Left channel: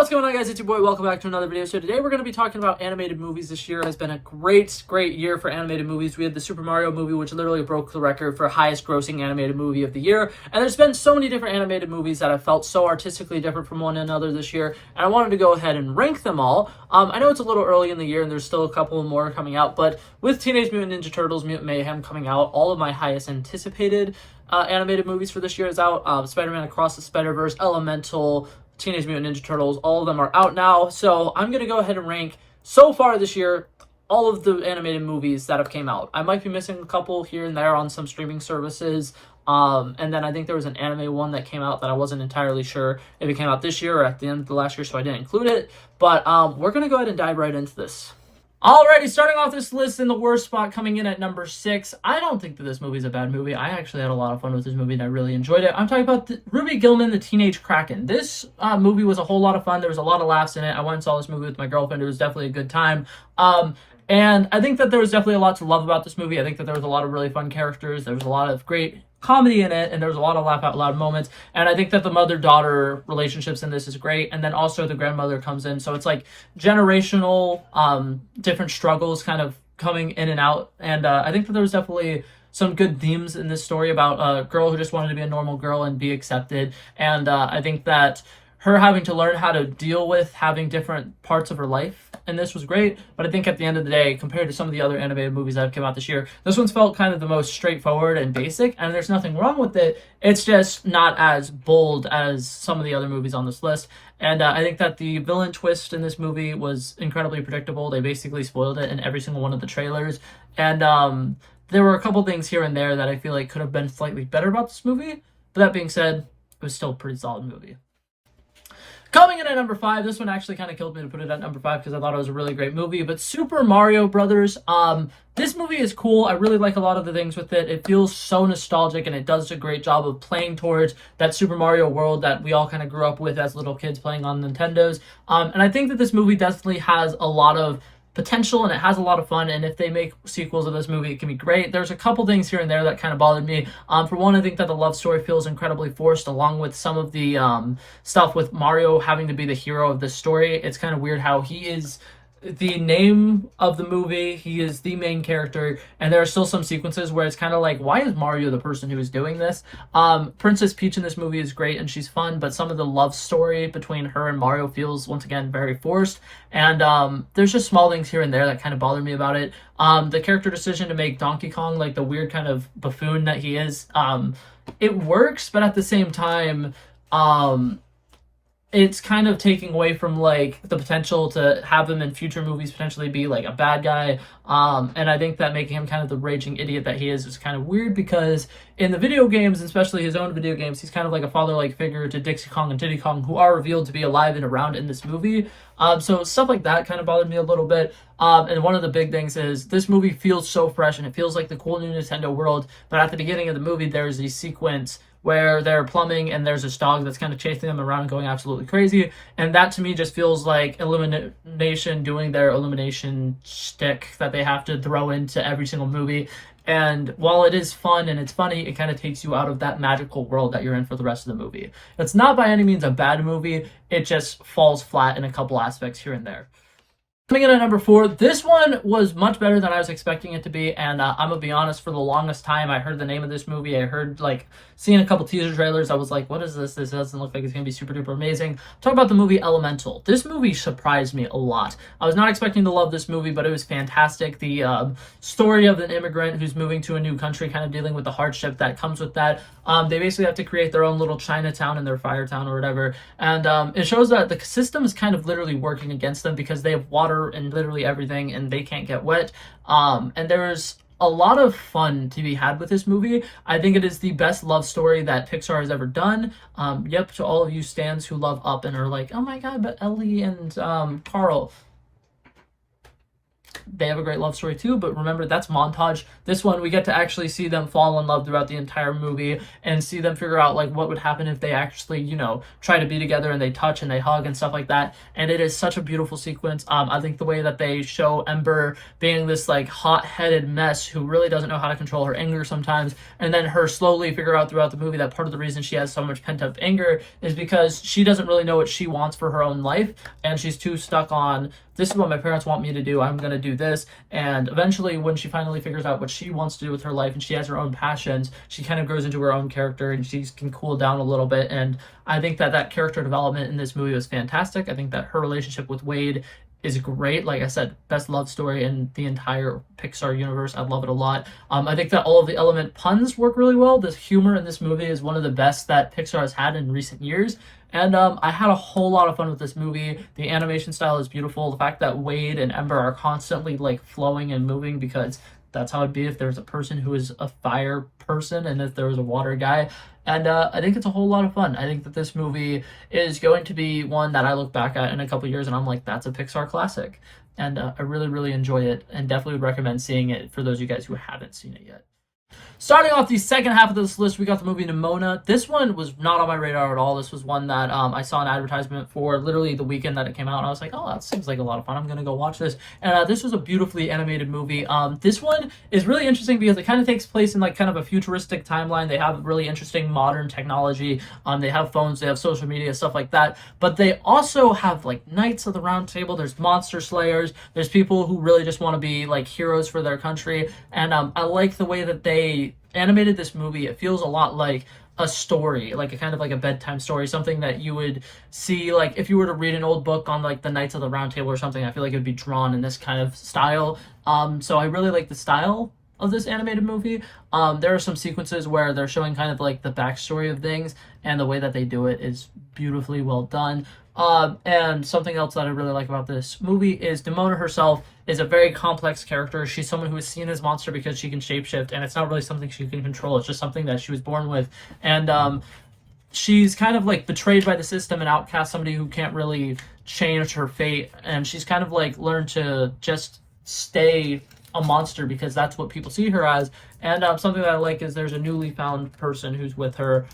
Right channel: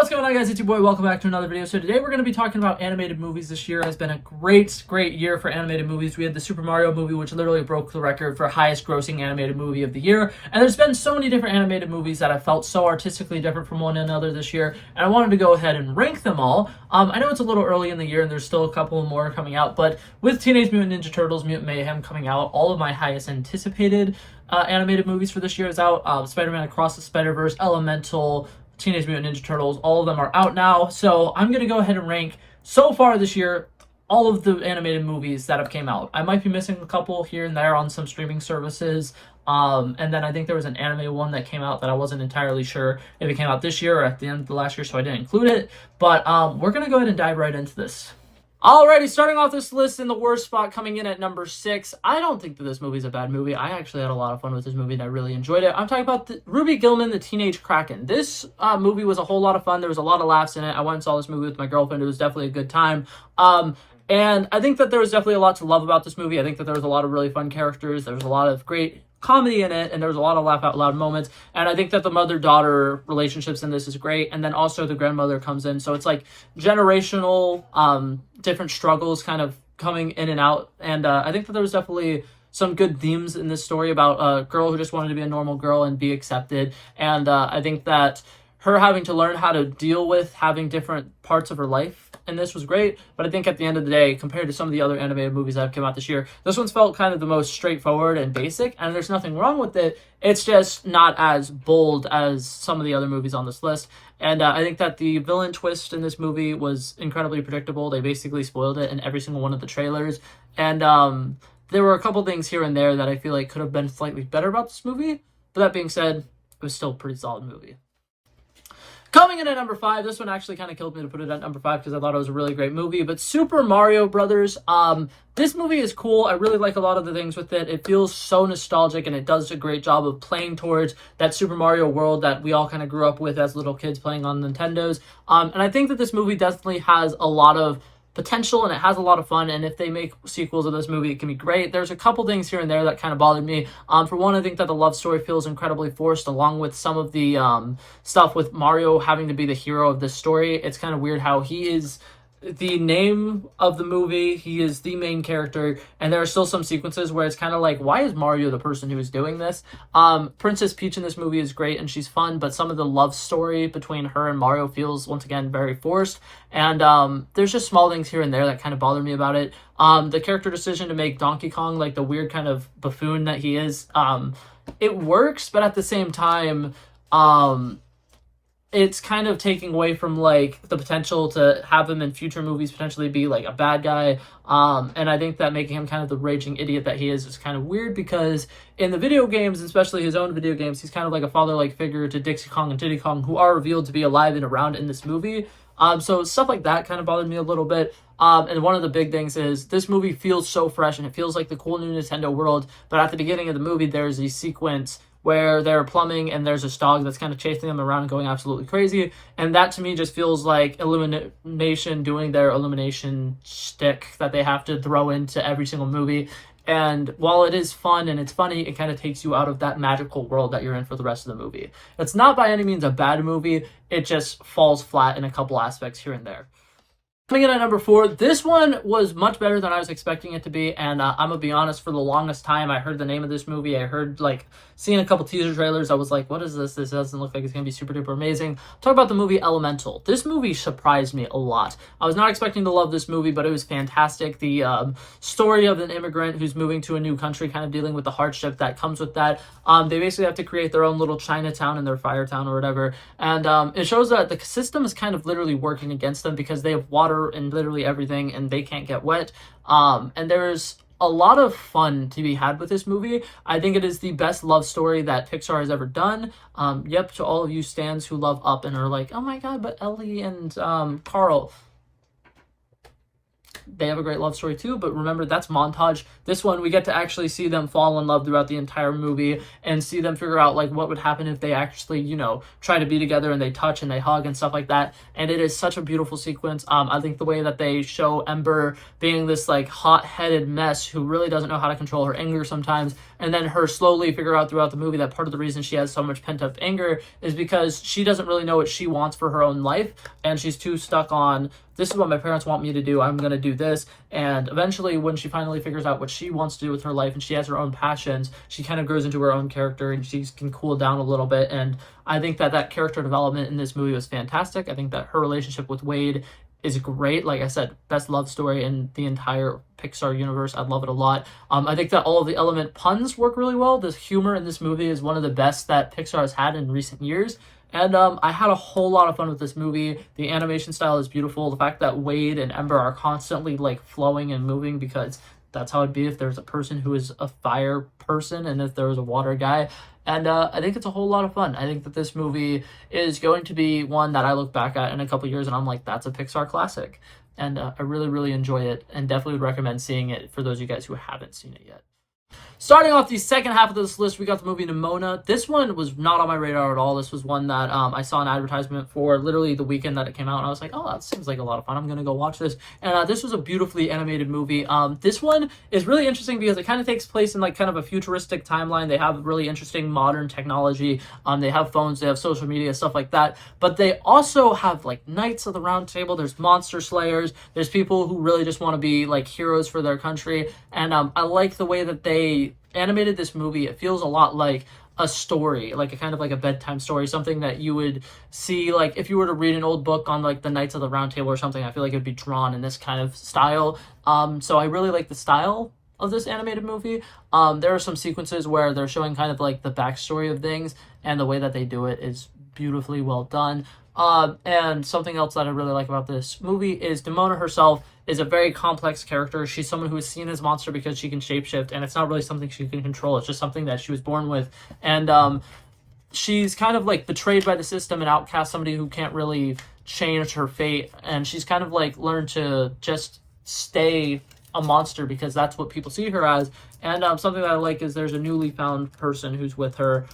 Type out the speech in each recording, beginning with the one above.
What's going on, guys? It's your boy. Welcome back to another video. So today we're going to be talking about animated movies. This year has been a great year for animated movies. We had the Super Mario movie, which literally broke the record for highest grossing animated movie of the year. And there's been so many different animated movies that I felt so artistically different from one another this year. And I wanted to go ahead and rank them all. I know it's a little early in the year and there's still a couple more coming out, but with Teenage Mutant Ninja Turtles Mutant Mayhem coming out, all of my highest anticipated animated movies for this year is out. Spider-Man Across the Spider-Verse, Elemental, Teenage Mutant Ninja Turtles, all of them are out now. So I'm going to go ahead and rank, so far this year, all of the animated movies that have came out. I might be missing a couple here and there on some streaming services. And then I think there was an anime one that came out that I wasn't entirely sure if it came out this year or at the end of the last year, so I didn't include it. But we're going to go ahead and dive right into this. Alrighty, starting off this list in the worst spot, coming in at number 6. I don't think that this movie is a bad movie. I actually had a lot of fun with this movie and I really enjoyed it. I'm talking about Ruby Gillman, The Teenage Kraken. This movie was a whole lot of fun. There was a lot of laughs in it. I went and saw this movie with my girlfriend. It was definitely a good time. And I think that there was definitely a lot to love about this movie. I think that there was a lot of really fun characters. There was a lot of great comedy in it, and there was a lot of laugh out loud moments. And I think that the mother-daughter relationships in this is great. And then also the grandmother comes in, so it's like generational different struggles kind of coming in and out. And I think that there was definitely some good themes in this story about a girl who just wanted to be a normal girl and be accepted. And I think that her having to learn how to deal with having different parts of her life, and this was great. But I think at the end of the day, compared to some of the other animated movies that have come out this year, this one's felt kind of the most straightforward and basic, and there's nothing wrong with it. It's just not as bold as some of the other movies on this list. And I think that the villain twist in this movie was incredibly predictable. They basically spoiled it in every single one of the trailers. And there were a couple things here and there that I feel like could have been slightly better about this movie. But that being said, it was still a pretty solid movie. Coming in at number 5, this one actually kind of killed me to put it at number 5 because I thought it was a really great movie, but Super Mario Brothers. This movie is cool. I really like a lot of the things with it. It feels so nostalgic, and it does a great job of playing towards that Super Mario world that we all kind of grew up with as little kids playing on Nintendos. And I think that this movie definitely has a lot of potential, and it has a lot of fun, and if they make sequels of this movie, it can be great. There's a couple things here and there that kind of bothered me. For one, I think that the love story feels incredibly forced, along with some of the stuff with Mario having to be the hero of this story. It's kind of weird how he is the name of the movie, he is the main character, and there are still some sequences where it's kind of like, why is Mario the person who is doing this? Princess Peach in this movie is great and she's fun, but some of the love story between her and Mario feels, once again, very forced. And there's just small things here and there that kind of bother me about it. The character decision to make Donkey Kong like the weird kind of buffoon that he is, it works, but at the same time, it's kind of taking away from like the potential to have him in future movies potentially be like a bad guy. And I think that making him kind of the raging idiot that he is kind of weird, because in the video games, especially his own video games, he's kind of like a father-like figure to Dixie Kong and Diddy Kong, who are revealed to be alive and around in this movie. So stuff like that kind of bothered me a little bit. And one of the big things is this movie feels so fresh and it feels like the cool new Nintendo world. But at the beginning of the movie, there's a sequence where they're plumbing and there's this dog that's kind of chasing them around and going absolutely crazy. And that to me just feels like Illumination doing their Illumination shtick that they have to throw into every single movie. And while it is fun and it's funny, it kind of takes you out of that magical world that you're in for the rest of the movie. It's not by any means a bad movie, it just falls flat in a couple aspects here and there. Coming in at number 4, this one was much better than I was expecting it to be, and I'm gonna be honest, for the longest time, I heard the name of this movie, I heard, like, seeing a couple teaser trailers, I was like, what is this? This doesn't look like it's gonna be super duper amazing. Talk about the movie Elemental. This movie surprised me a lot. I was not expecting to love this movie, but it was fantastic. The story of an immigrant who's moving to a new country, kind of dealing with the hardship that comes with that. They basically have to create their own little Chinatown in their fire town or whatever, and it shows that the system is kind of literally working against them because they have water and literally everything and they can't get wet. And there's a lot of fun to be had with this movie. I think it is the best love story that Pixar has ever done. Yep, to all of you stans who love Up and are like, oh my god, but Ellie and Carl. they have a great love story too, but remember, that's montage. This one, we get to actually see them fall in love throughout the entire movie and see them figure out like what would happen if they actually, you know, try to be together and they touch and they hug and stuff like that. And it is such a beautiful sequence. I think the way that they show Ember being this like hot-headed mess who really doesn't know how to control her anger sometimes, and then her slowly figure out throughout the movie that part of the reason she has so much pent-up anger is because she doesn't really know what she wants for her own life, and she's too stuck on, this is what my parents want me to do, I'm going to do this. And eventually, when she finally figures out what she wants to do with her life and she has her own passions, she kind of grows into her own character and she can cool down a little bit. And I think that that character development in this movie was fantastic. I think that her relationship with Wade is great. Like I said, best love story in the entire Pixar universe. I love it a lot. I think that all of the element puns work really well. The humor in this movie is one of the best that Pixar has had in recent years. And I had a whole lot of fun with this movie. The animation style is beautiful. The fact that Wade and Ember are constantly like flowing and moving, because that's how it'd be if there's a person who is a fire person and if there was a water guy. And I think it's a whole lot of fun. I think that this movie is going to be one that I look back at in a couple years and I'm like, that's a Pixar classic. And I really, really enjoy it and definitely would recommend seeing it for those of you guys who haven't seen it yet. Starting off the second half of this list, we got the movie Nimona. This one was not on my radar at all. This was one that I saw an advertisement for literally the weekend that it came out, and I was like, oh, that seems like a lot of fun. I'm going to go watch this. And this was a beautifully animated movie. This one is really interesting because it kind of takes place in like kind of a futuristic timeline. They have really interesting modern technology. They have phones, they have social media, stuff like that. But they also have like Knights of the Round Table. There's monster slayers. There's people who really just want to be like heroes for their country. And I like the way that they animated this movie. It feels a lot like a story, like a kind of like a bedtime story, something that you would see like if you were to read an old book on like the Knights of the Round Table or something. I feel like it would be drawn in this kind of style. So I really like the style of this animated movie. There are some sequences where they're showing kind of like the backstory of things, and the way that they do it is beautifully well done. And something else that I really like about this movie is Nimona herself is a very complex character. She's someone who is seen as a monster because she can shapeshift, and it's not really something she can control. It's just something that she was born with. And she's kind of like betrayed by the system and outcast, somebody who can't really change her fate. And she's kind of like learned to just stay a monster because that's what people see her as. And something that I like is there's a newly found person who's with her,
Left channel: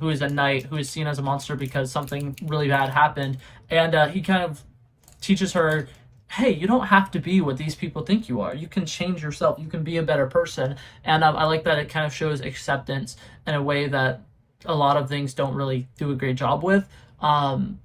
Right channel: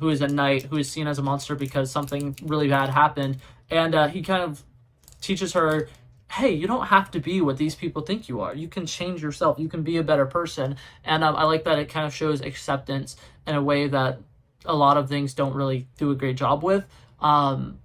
who is a knight, who is seen as a monster because something really bad happened. And he kind of teaches her, hey, you don't have to be what these people think you are. You can change yourself. You can be a better person. And I like that it kind of shows acceptance in a way that a lot of things don't really do a great job with. And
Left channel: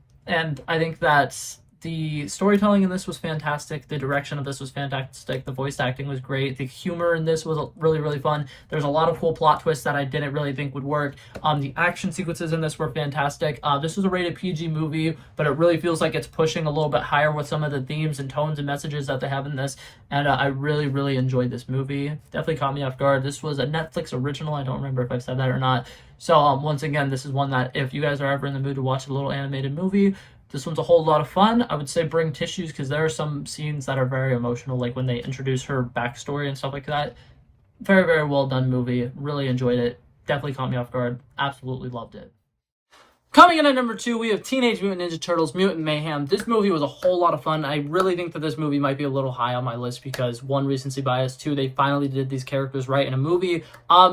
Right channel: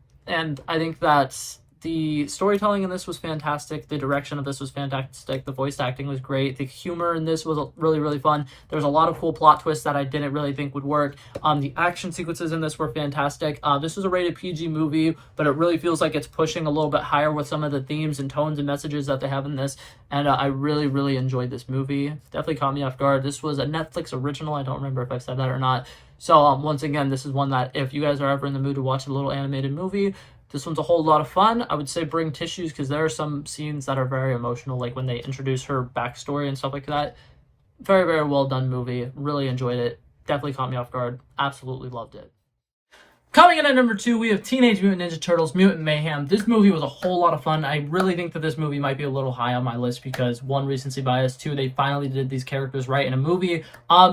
I think that the storytelling in this was fantastic. The direction of this was fantastic. The voice acting was great. The humor in this was really, really fun. There's a lot of cool plot twists that I didn't really think would work. The action sequences in this were fantastic. This was a rated PG movie, but it really feels like it's pushing a little bit higher with some of the themes and tones and messages that they have in this. And I really, really enjoyed this movie. Definitely caught me off guard. This was a Netflix original. I don't remember if I've said that or not. So once again, this is one that if you guys are ever in the mood to watch a little animated movie, this one's a whole lot of fun. I would say bring tissues because there are some scenes that are very emotional, like when they introduce her backstory and stuff like that. Very, very well done movie. Really enjoyed it. Definitely caught me off guard. Absolutely loved it. Coming in at number 2, we have Teenage Mutant Ninja Turtles Mutant Mayhem. This movie was a whole lot of fun. I really think that this movie might be a little high on my list because 1, recency bias, 2, they finally did these characters right in a movie.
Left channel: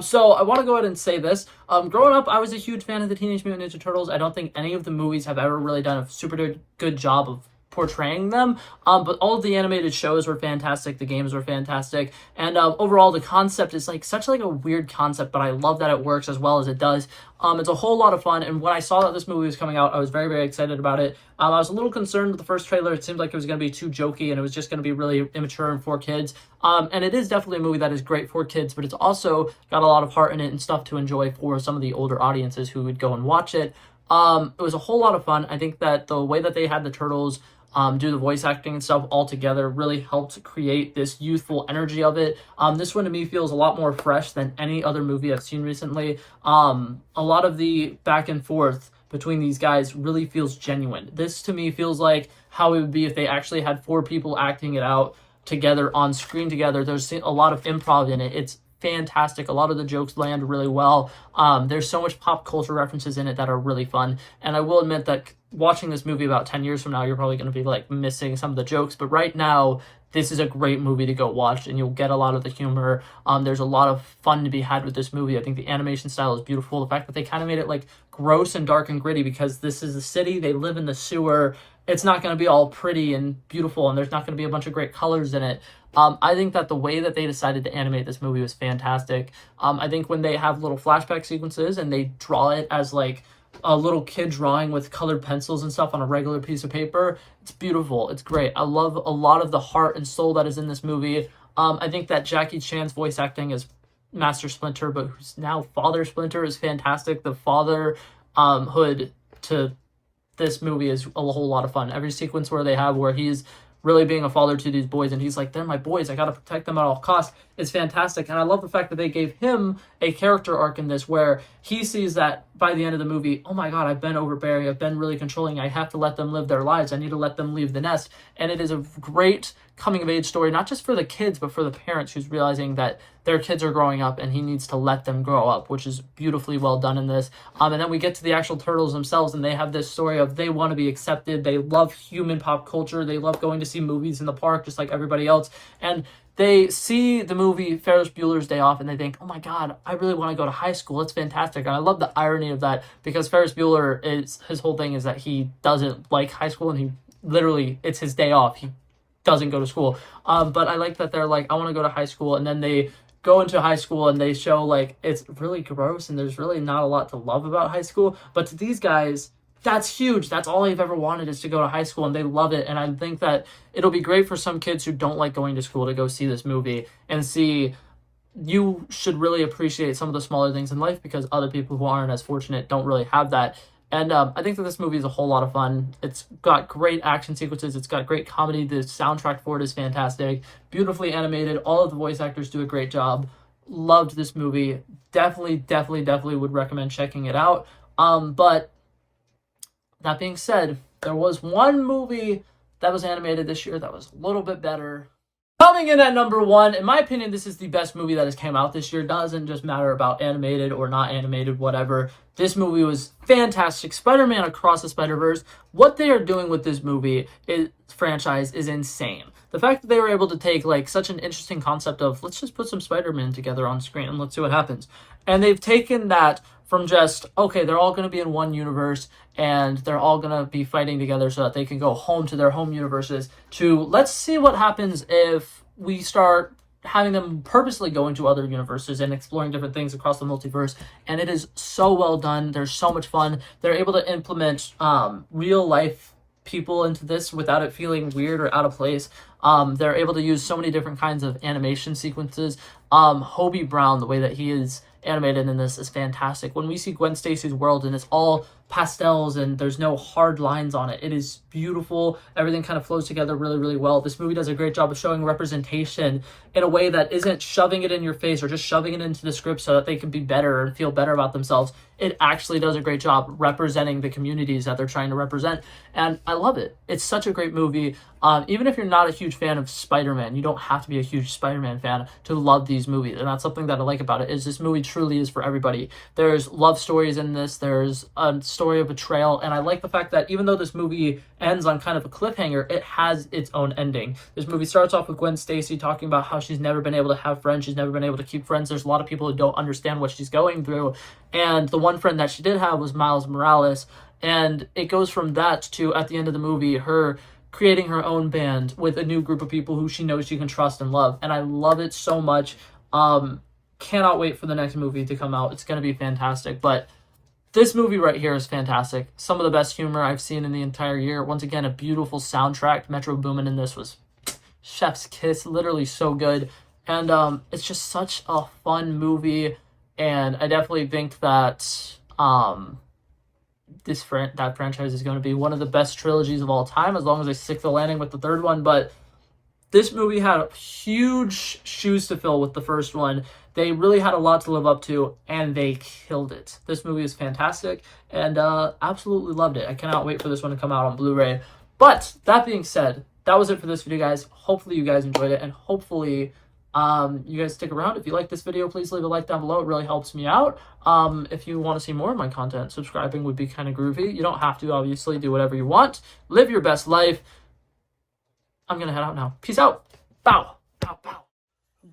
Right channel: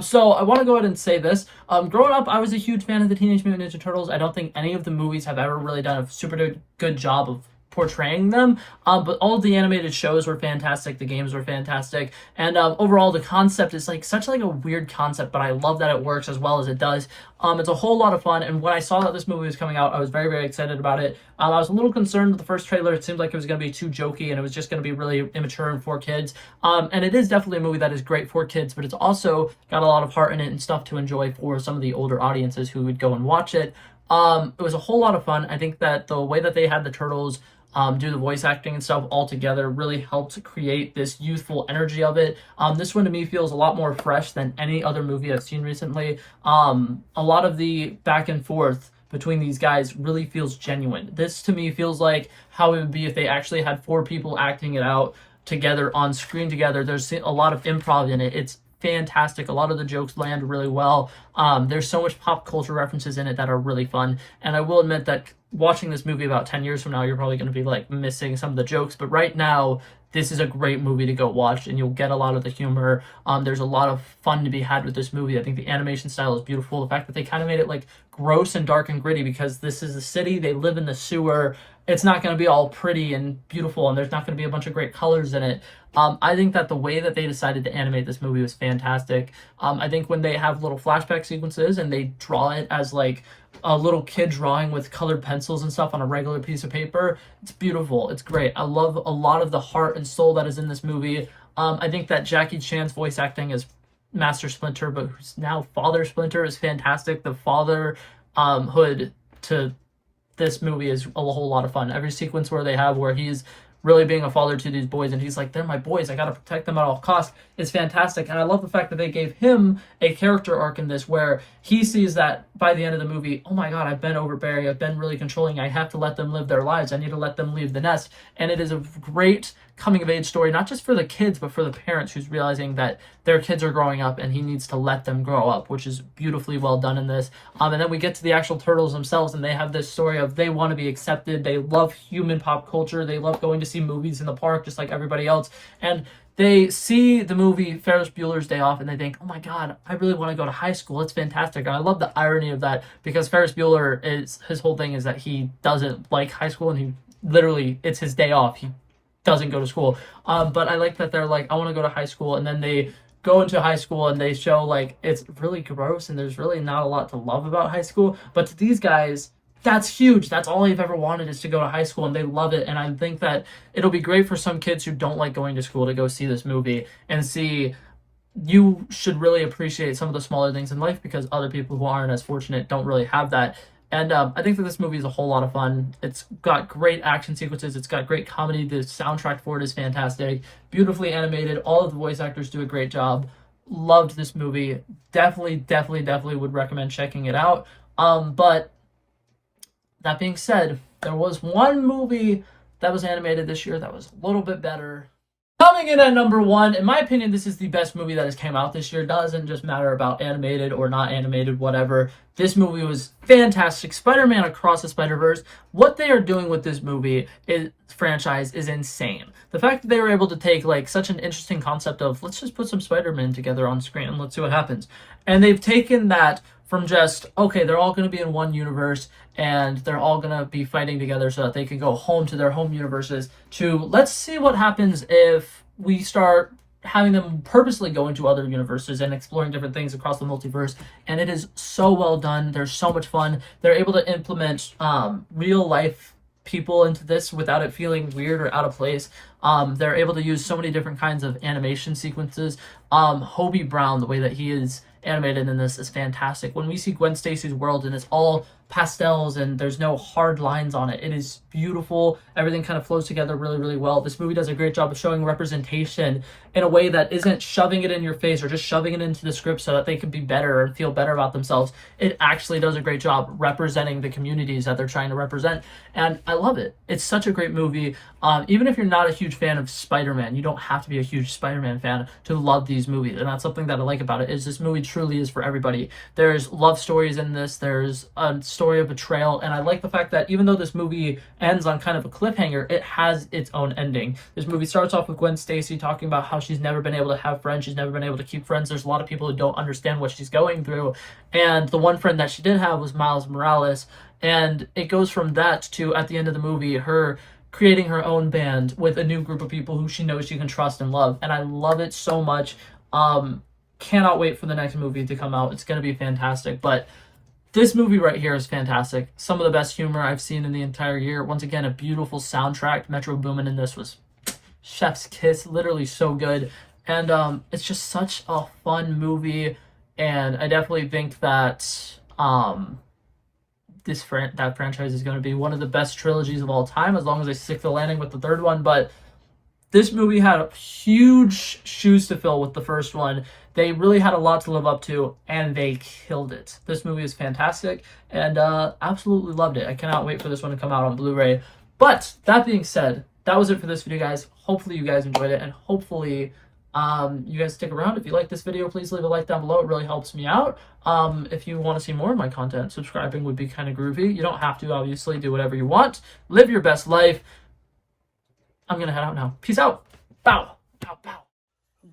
So I want to go ahead and say this. Growing up, I was a huge fan of the Teenage Mutant Ninja Turtles. I don't think any of the movies have ever really done a super good job of portraying them, but all of the animated shows were fantastic, the games were fantastic, and overall the concept is like such like a weird concept, but I love that it works as well as it does. It's a whole lot of fun, and when I saw that this movie was coming out, I was very, very excited about it. I was a little concerned with the first trailer. It seemed like it was going to be too jokey, and it was just going to be really immature and for kids, and it is definitely a movie that is great for kids, but it's also got a lot of heart in it and stuff to enjoy for some of the older audiences who would go and watch it. It was a whole lot of fun. I think that the way that they had the turtles do the voice acting and stuff all together really helped create this youthful energy of it. This one to me feels a lot more fresh than any other movie I've seen recently. A lot of the back and forth between these guys really feels genuine. This to me feels like how it would be if they actually had 4 people acting it out together on screen together. There's a lot of improv in it. It's fantastic. A lot of the jokes land really well. There's so much pop culture references in it that are really fun. And I will admit that watching this movie about 10 years from now, you're probably going to be like missing some of the jokes. But right now, this is a great movie to go watch, and you'll get a lot of the humor. There's a lot of fun to be had with this movie. I think the animation style is beautiful. The fact that they kind of made it like gross and dark and gritty, because this is a city, they live in the sewer. It's not going to be all pretty and beautiful, and there's not going to be a bunch of great colors in it. I think that the way that they decided to animate this movie was fantastic. I think when they have little flashback sequences and they draw it as like a little kid drawing with colored pencils and stuff on a regular piece of paper, it's beautiful. It's great. I love a lot of the heart and soul that is in this movie. I think that Jackie Chan's voice acting as Master Splinter, but who's now Father Splinter, is fantastic. The fatherhood to this movie is a whole lot of fun. Every sequence where they have where he's really being a father to these boys, and he's like, they're my boys, I gotta protect them at all costs, is fantastic. And I love the fact that they gave him a character arc in this where he sees that by the end of the movie, oh my god, I've been overbearing, I've been really controlling, I have to let them live their lives, I need to let them leave the nest. And it is a great coming of age story, not just for the kids, but for the parents who's realizing that their kids are growing up and he needs to let them grow up, which is beautifully well done in this. And then we get to the actual turtles themselves, and they have this story of they want to be accepted, they love human pop culture, they love going to see movies in the park just like everybody else, and they see the movie Ferris Bueller's Day Off and they think, oh my god, I really want to go to high school. It's fantastic. And I love the irony of that, because Ferris Bueller, his whole thing is that he doesn't like high school, and he literally, it's his day off. He doesn't go to school. But I like that they're like, I want to go to high school, and then they go into high school and they show like it's really gross and there's really not a lot to love about high school. But to these guys, that's huge. That's all they've ever wanted, is to go to high school, and they love it. And I think that it'll be great for some kids who don't like going to school to go see this movie and see you should really appreciate some of the smaller things in life, because other people who aren't as fortunate don't really have that. And I think that this movie is a whole lot of fun. It's got great action sequences. It's got great comedy. The soundtrack for it is fantastic. Beautifully animated. All of the voice actors do a great job. Loved this movie. Definitely would recommend checking it out. But that being said, there was one movie that was animated this year that was a little bit better. Coming in at number 1, in my opinion, this is the best movie that has came out this year. It doesn't just matter about animated or not animated, whatever. This movie was fantastic. Spider-Man Across the Spider-Verse. What they are doing with this franchise is insane. The fact that they were able to take like such an interesting concept of, let's just put some Spider-Man together on screen and let's see what happens. And they've taken that from just, okay, they're all going to be in one universe and they're all going to be fighting together so that they can go home to their home universes, to let's see what happens if we start having them purposely go into other universes and exploring different things across the multiverse. And it is so well done. There's so much fun. They're able to implement real life people into this without it feeling weird or out of place. They're able to use so many different kinds of animation sequences. Hobie Brown, the way that he is animated in this is fantastic. When we see Gwen Stacy's world and it's all pastels and there's no hard lines on it, it is beautiful. Everything kind of flows together really well. This movie does a great job of showing representation in a way that isn't shoving it in your face or just shoving it into the script so that they can be better and feel better about themselves. It actually does a great job representing the communities that they're trying to represent, and I love it. It's such a great movie. Even if you're not a huge fan of Spider-Man, you don't have to be a huge Spider-Man fan to love these movies, and that's something that I like about it, is this movie truly is for everybody. There's love stories in this, there's a story of betrayal, and I like the fact that even though this movie ends on kind of a cliffhanger, it has its own ending. This movie starts off with Gwen Stacy talking about how she's never been able to have friends, she's never been able to keep friends. There's a lot of people who don't understand what she's going through, and the one friend that she did have was Miles Morales, and it goes from that to, at the end of the movie, her creating her own band with a new group of people who she knows she can trust and love, and I love it so much. Cannot wait for the next movie to come out. It's going to be fantastic. But this movie right here is fantastic. Some of the best humor I've seen in the entire year. Once again, a beautiful soundtrack. Metro Boomin in this was chef's kiss, literally so good. And it's just such a fun movie, and I definitely think that that franchise is going to be one of the best trilogies of all time, as long as they stick the landing with the third one. But this movie had huge shoes to fill with the first one. They really had a lot to live up to, and they killed it. This movie is fantastic, and absolutely loved it. I cannot wait for this one to come out on Blu-ray. But that being said, that was it for this video, guys. Hopefully you guys enjoyed it, and hopefully you guys stick around. If you like this video, please leave a like down below. It really helps me out. If you want to see more of my content, subscribing would be kind of groovy. You don't have to, obviously. Do whatever you want. Live your best life. I'm going to head out now. Peace out. Bow. Bow, bow.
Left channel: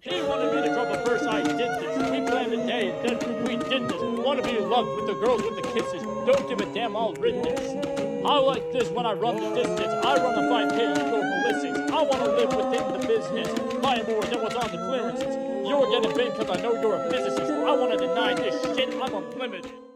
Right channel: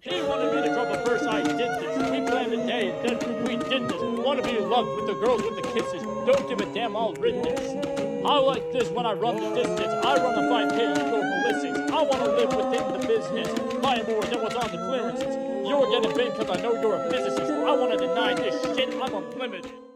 He wanted me to drop a verse, I did this. We planned a day and then we did this. Wanna be in love with the girls with the kisses. Don't give a damn, I'll rid this. I like this when I run the distance. I run a 5K, you go ballistics. I wanna live within the business. Buy more than what's on the clearances. You're getting big cause I know you're a physicist. I wanna deny this shit, I'm unlimited.